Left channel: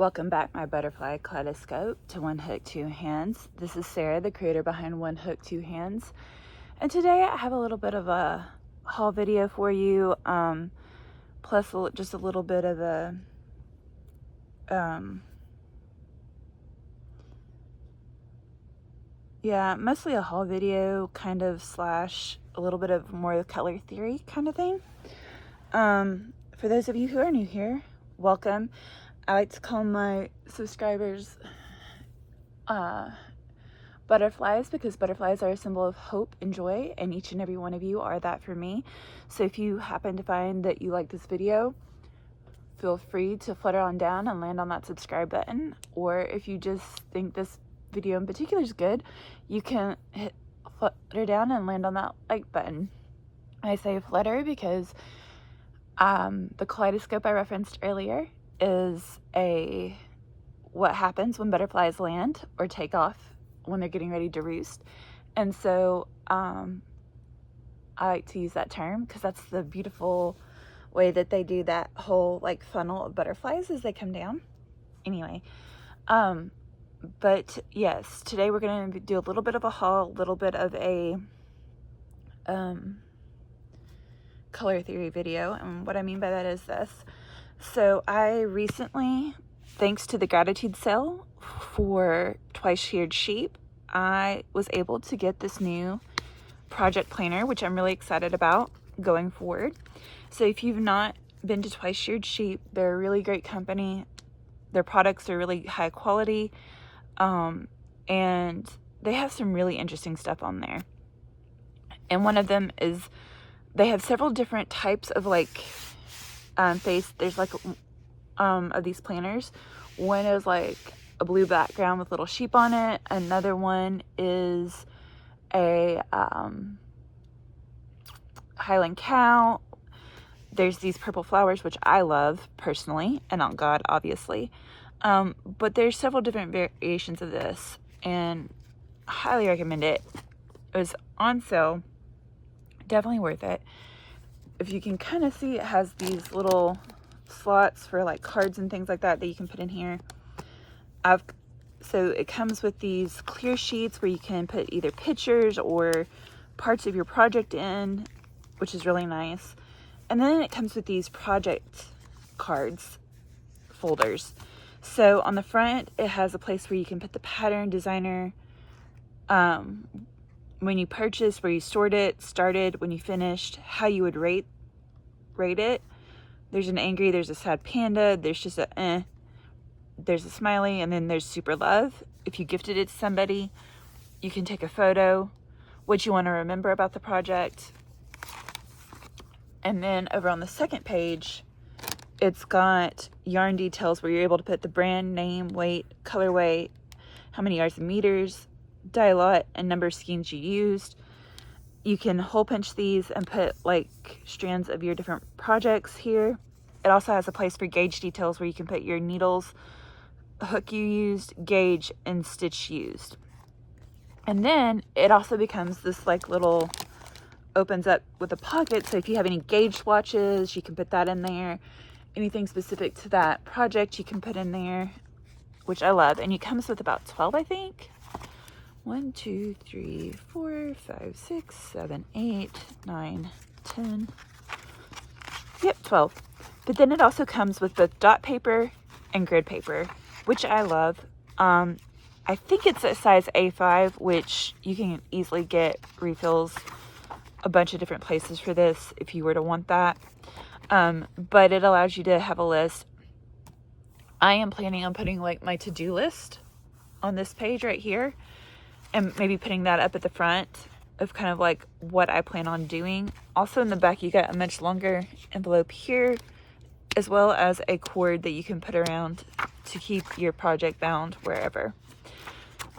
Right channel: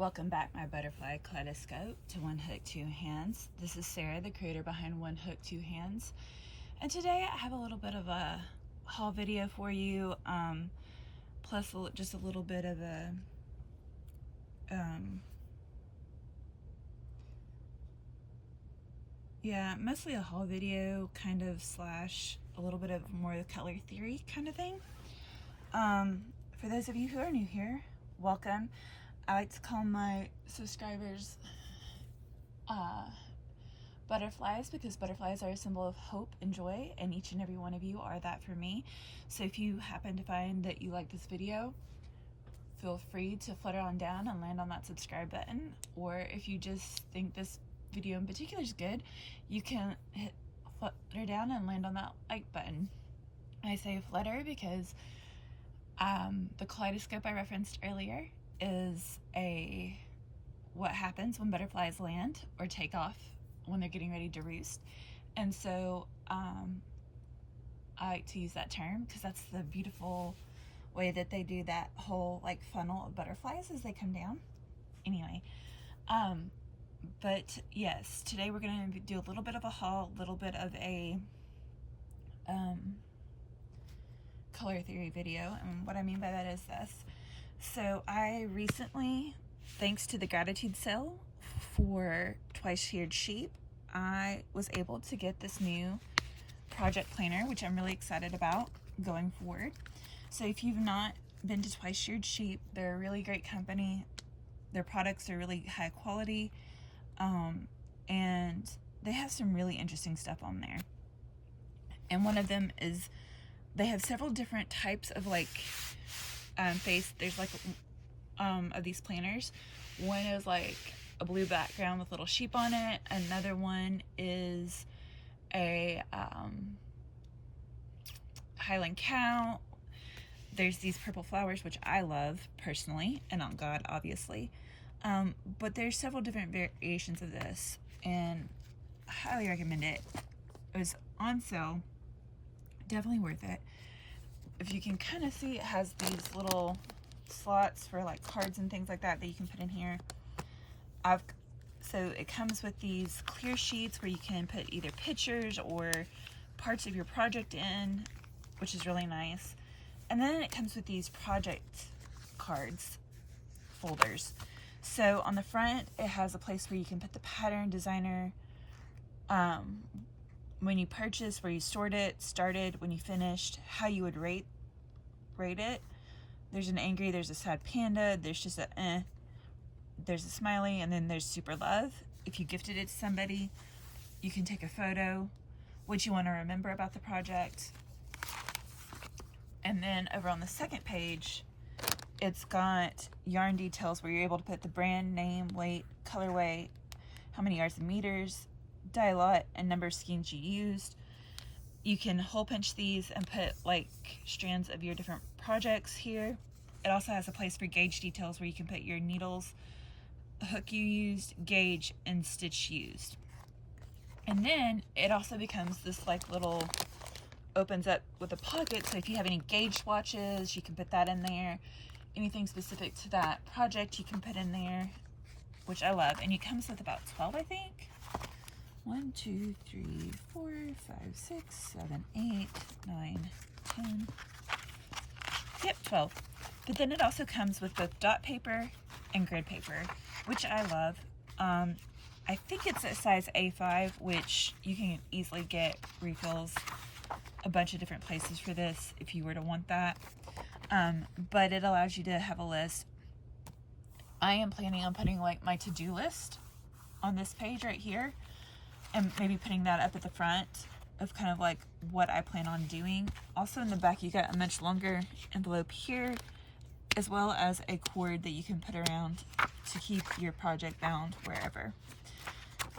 Welcome back, my butterfly kaleidoscope, to One Hook, Two Hands. This is Sarah, the creator behind One Hook, Two Hands. And today I have a little bit of a haul video for you, plus just a little bit of a, mostly a haul video, kind of slash a little bit of more color theory kind of thing. For those of you who are new here, welcome. I like to call my subscribers butterflies, because butterflies are a symbol of hope and joy, and each and every one of you are that for me. So if you happen to find that you like this video, feel free to flutter on down and land on that subscribe button. Or if you just think this video in particular is good, you can hit flutter down and land on that like button. I say flutter because the kaleidoscope I referenced earlier is what happens when butterflies land or take off when they're getting ready to roost. And so I like to use that term because that's the beautiful way that they do that whole like funnel of butterflies as they come down. Anyway, but yes, today we're going to do a little bit of a haul, a little bit of a color theory video. And what I mean by that is this. So I recently, thanks to the gratitude sale for Twice Sheared Sheep, I was able to get this new project planner, which I'm really excited about going forward. So if you've not been to Twice Sheared Sheep, they're a really great company. Their products are really high quality, and they have some really interesting stuff on there. And one of them is they have several different types of like there's like of these planners. One is like a blue background with little sheep on it. Another one is a Highland cow. There's these purple flowers, which I love personally, and on God, obviously. But there's several different variations of this, and I highly recommend it. It was on sale, definitely worth it. If you can kind of see, it has these little slots for like cards and things like that you can put in here. So it comes with these clear sheets where you can put either pictures or parts of your project in, which is really nice. And then it comes with these project cards folders. So on the front, it has a place where you can put the pattern, designer, when you purchased, where you stored it, started, when you finished, how you would rate it. There's an angry, there's a sad panda, there's just a there's a smiley, and then there's super love. If you gifted it to somebody, you can take a photo, what you want to remember about the project. And then over on the second page, it's got yarn details where you're able to put the brand name, weight, colorway, how many yards and meters, dye lot, and number of skeins you used. You can hole punch these and put like strands of your different projects here. It also has a place for gauge details where you can put your needles, hook you used, gauge, and stitch used. And then it also becomes this like little, opens up with a pocket, so if you have any gauge swatches, you can put that in there. Anything specific to that project you can put in there, which I love. And it comes with about 12, I think. 1, 2, 3, 4, 5, 6, 7, 8, 9, 10. Yep, 12. But then it also comes with both dot paper and grid paper, which I love. I think it's a size A5, which you can easily get refills a bunch of different places for this if you were to want that. But it allows you to have a list. I am planning on putting like my to-do list on this page right here, and maybe putting that up at the front of kind of like what I plan on doing. Also in the back, you got a much longer envelope here, as well as a cord that you can put around to keep your project bound wherever.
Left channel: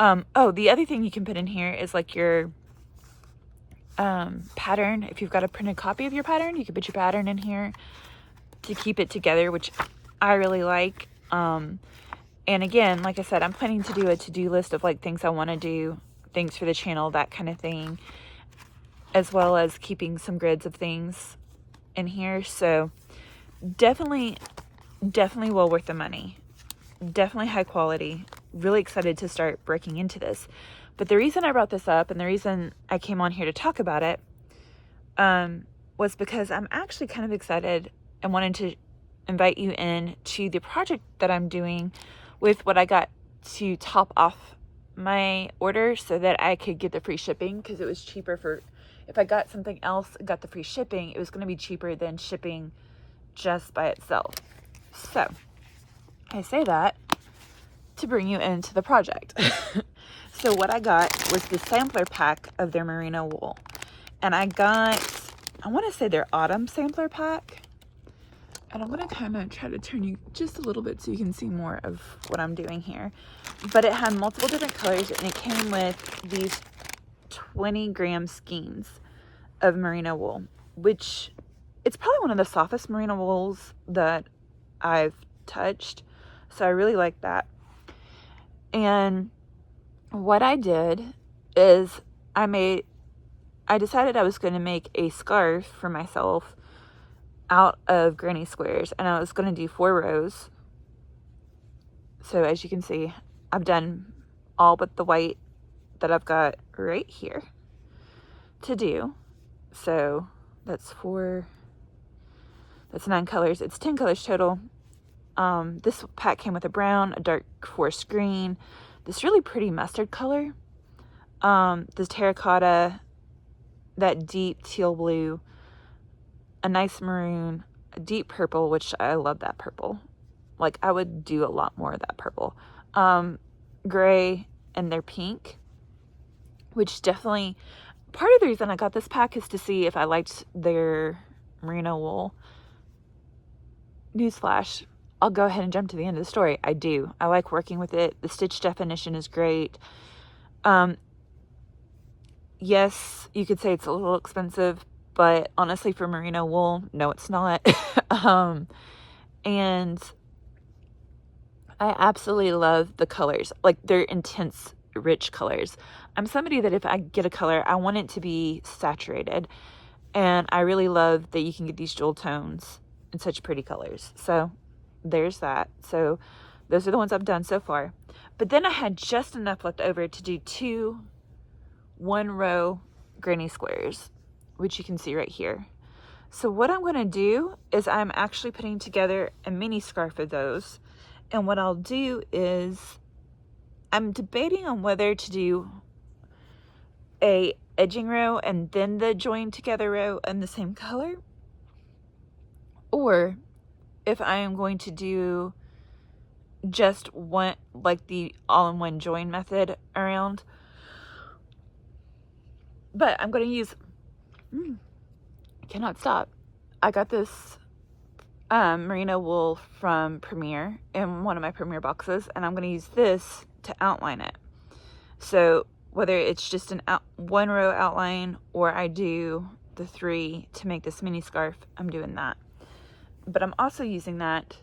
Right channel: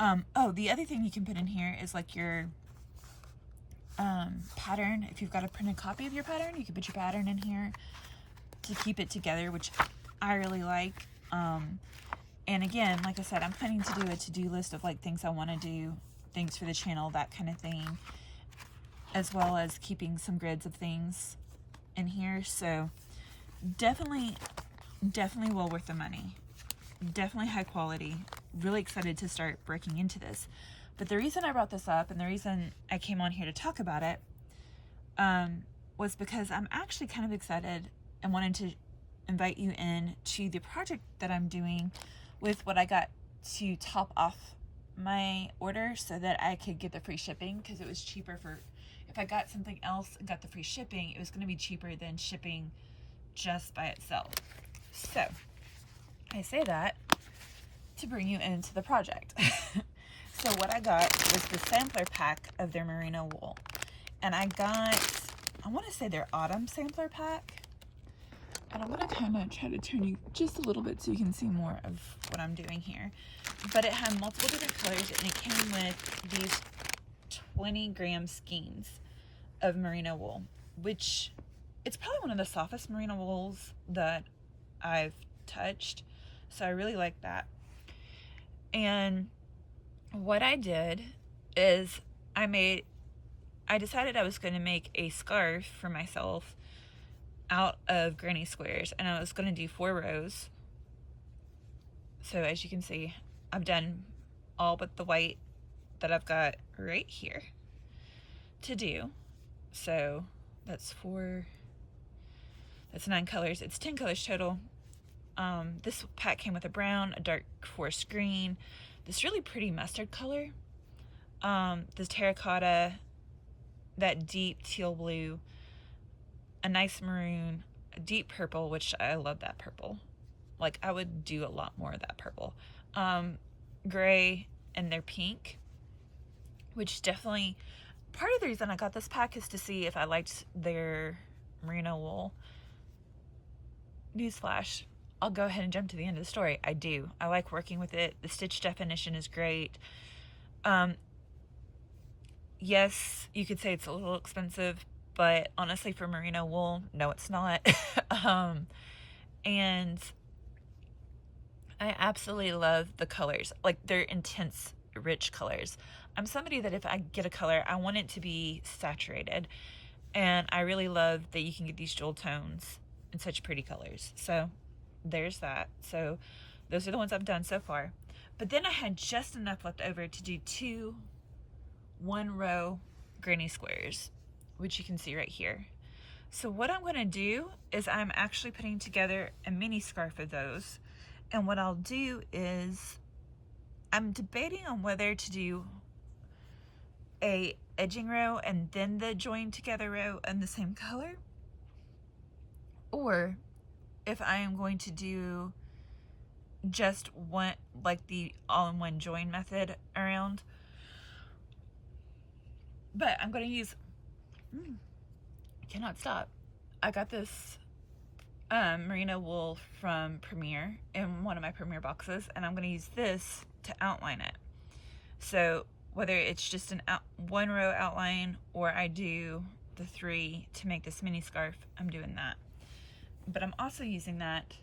Oh, the other thing you can put in here is like your pattern. If you've got a printed copy of your pattern, you can put your pattern in here to keep it together, which I really like. And again, like I said, I'm planning to do a to-do list of like things I want to do, things for the channel, that kind of thing, as well as keeping some grids of things in here. So definitely well worth the money. definitely high quality. Really excited to start breaking into this. But the reason I brought this up and the reason I came on here to talk about it was because I'm actually kind of excited and wanted to invite you in to the project that I'm doing with what I got to top off my order so that I could get the free shipping, because it was cheaper for, if I got something else and got the free shipping, it was going to be cheaper than shipping just by itself. So I say that to bring you into the project. So what I got was the sampler pack of their merino wool, and I got, I want to say their autumn sampler pack, and I'm going to kind of try to turn you just a little bit so you can see more of what I'm doing here. But it had multiple different colors, and it came with these 20-gram skeins of merino wool, which it's probably one of the softest merino wools that I've touched, so I really like that. And what I did is I decided I was going to make a scarf for myself out of granny squares, and I was going to do 4 rows. So as you can see, I've done all but the white that I've got right here to do. So that's 4, that's 9 colors. It's 10 colors total. This pack came with a brown, a dark forest green, this really pretty mustard color, this terracotta, that deep teal blue, a nice maroon, a deep purple, which I love that purple. Like, I would do a lot more of that purple. Gray, and their pink, which definitely, part of the reason I got this pack is to see if I liked their merino wool. Newsflash, I'll go ahead and jump to the end of the story. I do. I like working with it. The stitch definition is great. Yes, you could say it's a little expensive, but honestly, for merino wool, no, it's not. And I absolutely love the colors. Like, they're intense, rich colors. I'm somebody that if I get a color, I want it to be saturated. And I really love that you can get these jewel tones in such pretty colors. So there's that. So those are the ones I've done so far. But then I had just enough left over to do 2 1-row granny squares, which you can see right here. So what I'm going to do is I'm actually putting together a mini scarf of those. And what I'll do is I'm debating on whether to do a edging row and then the joined together row in the same color, or if I am going to do just one, like the all-in-one join method around. But I'm going to use, cannot stop. I got this merino wool from Premier in one of my Premier boxes, and I'm going to use this to outline it. So whether it's just an 1-row outline or I do the 3 to make this mini scarf, I'm doing that. But I'm also using that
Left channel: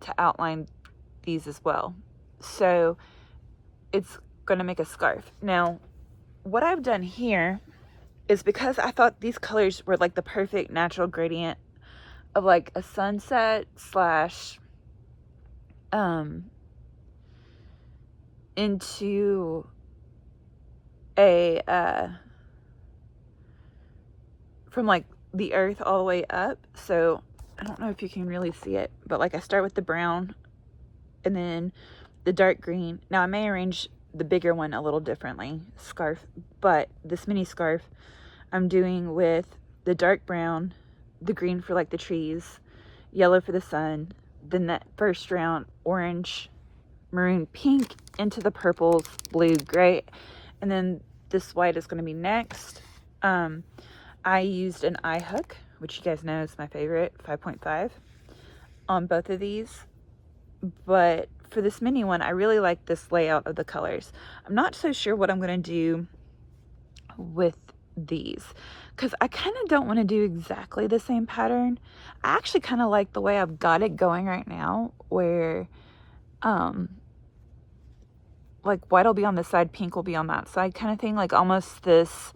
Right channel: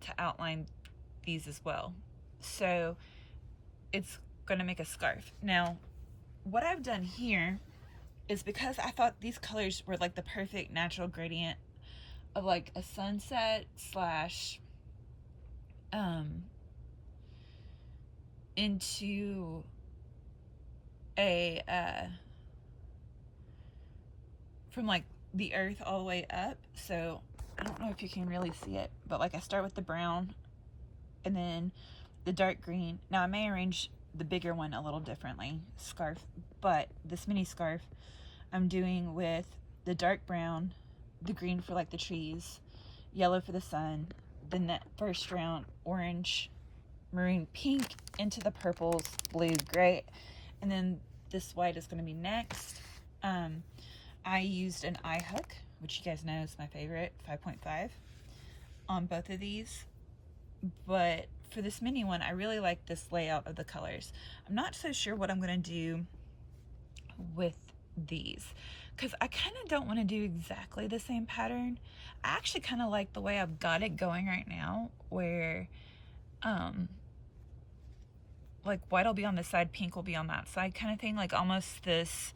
to outline these as well. So it's going to make a scarf. Now, what I've done here is, because I thought these colors were like the perfect natural gradient of like a sunset slash into a from like the earth all the way up. So I don't know if you can really see it, but like I start with the brown and then the dark green. Now I may arrange the bigger one a little differently, scarf, but this mini scarf I'm doing with the dark brown, the green for like the trees, yellow for the sun, then that first round orange, maroon, pink into the purples, blue, gray, and then this white is going to be next. I used an eye hook, which you guys know is my favorite, 5.5 on both of these. But for this mini one, I really like this layout of the colors. I'm not so sure what I'm going to do with these, because I kind of don't want to do exactly the same pattern. I actually kind of like the way I've got it going right now, where like white will be on this side, pink will be on that side kind of thing, like almost this,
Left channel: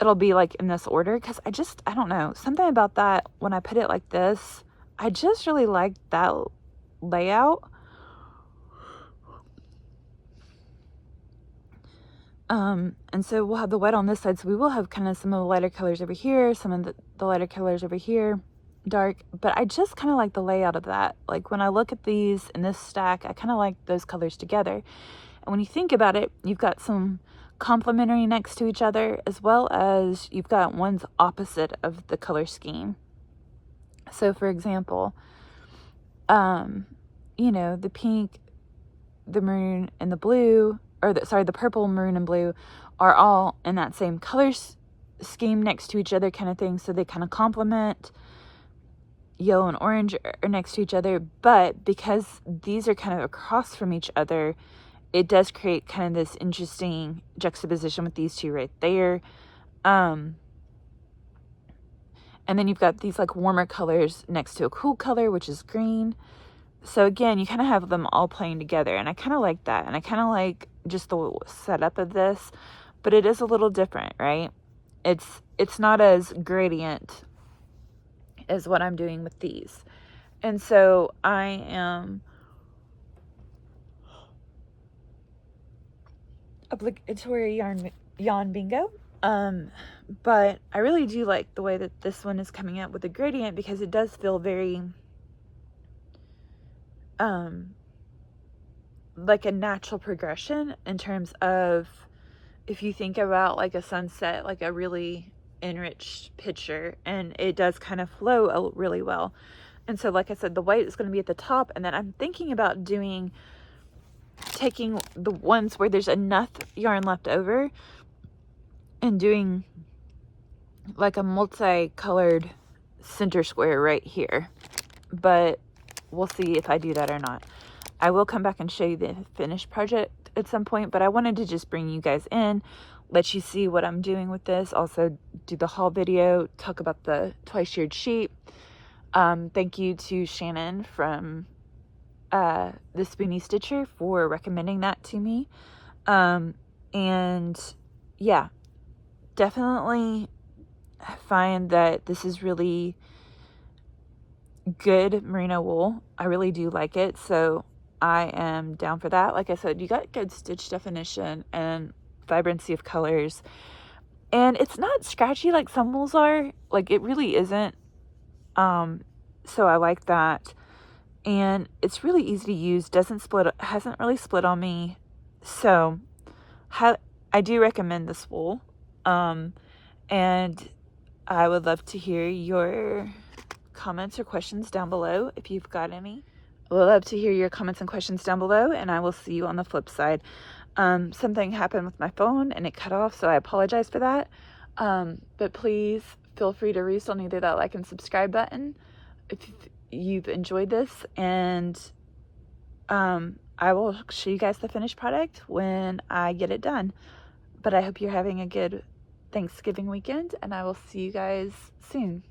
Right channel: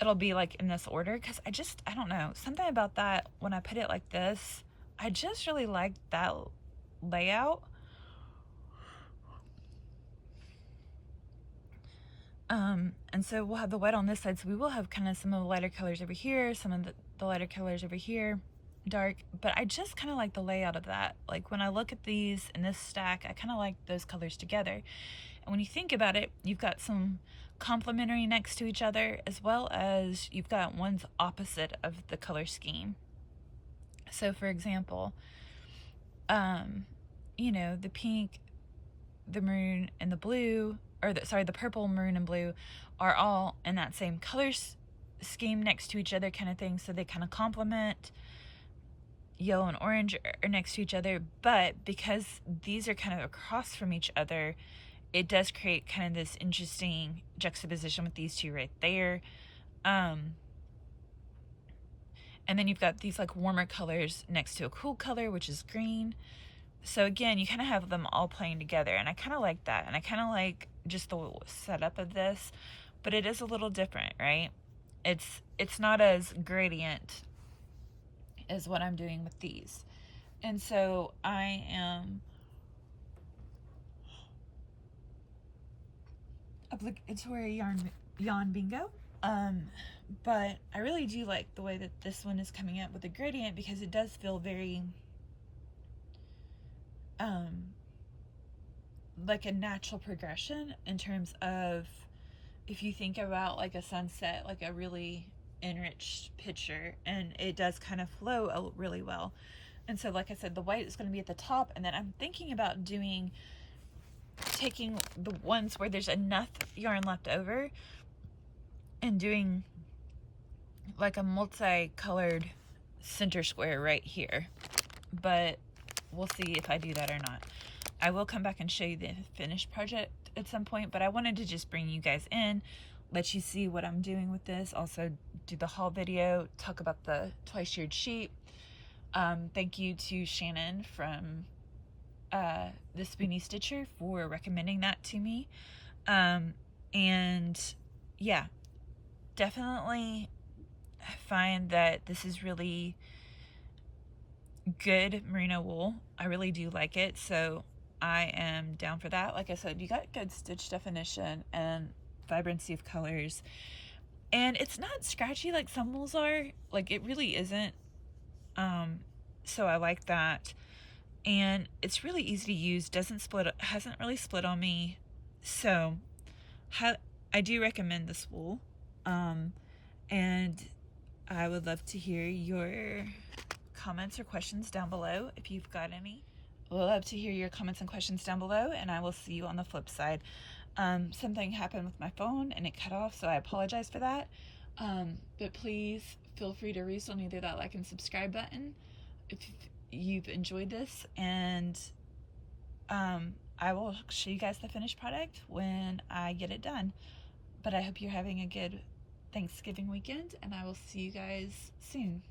it'll be like in this order, because I don't know, something about that when I put it like this, I just really like that layout And so we'll have the white on this side, so we will have kind of some of the lighter colors over here, some of the lighter colors over here, dark. But I just kind of like the layout of that. Like when I look at these in this stack, I kind of like those colors together. And when you think about it, you've got some complementary next to each other, as well as you've got one's opposite of the color scheme. So for example, you know, the pink, the maroon, and the blue, or the purple, maroon, and blue are all in that same color scheme next to each other kind of thing, so they kind of complement. Yellow and orange are next to each other, but because these are kind of across from each other, it does create kind of this interesting juxtaposition with these two right there. And then you've got these like warmer colors next to a cool color, which is green. So again, you kind of have them all playing together, and I kind of like that, and I kind of like just the setup of this, but it is a little different, right? It's not as gradient as what I'm doing with these. And so I am obligatory yarn bingo. But I really do like the way that this one is coming out with the gradient, because it does feel very like a natural progression in terms of, if you think about like a sunset, like a really enriched picture, and it does kind of flow really well. And so like I said, the white is going to be at the top, and then I'm thinking about taking the ones where there's enough yarn left over and doing like a multicolored center square right here. But we'll see if I do that or not. I will come back and show you the finished project at some point, but I wanted to just bring you guys in, let you see what I'm doing with this, also do the haul video, talk about the Twice Sheared Sheep. Thank you to Shannon from the Spoony Stitcher for recommending that to me. And yeah, definitely find that this is really good merino wool. I really do like it, so I am down for that. Like I said, you got good stitch definition and vibrancy of colors, and it's not scratchy like some wools are. Like, it really isn't. So I like that, and it's really easy to use, doesn't split, hasn't really split on me, so I do recommend this wool. And I would love to hear your comments or questions down below if you've got any. I would love to hear your comments and questions down below, and I will see you on the flip side. Something happened with my phone and it cut off, so I apologize for that. But please feel free to roost on either that like and subscribe button if you've enjoyed this, and I will show you guys the finished product when I get it done. But I hope you're having a good Thanksgiving weekend, and I will see you guys soon.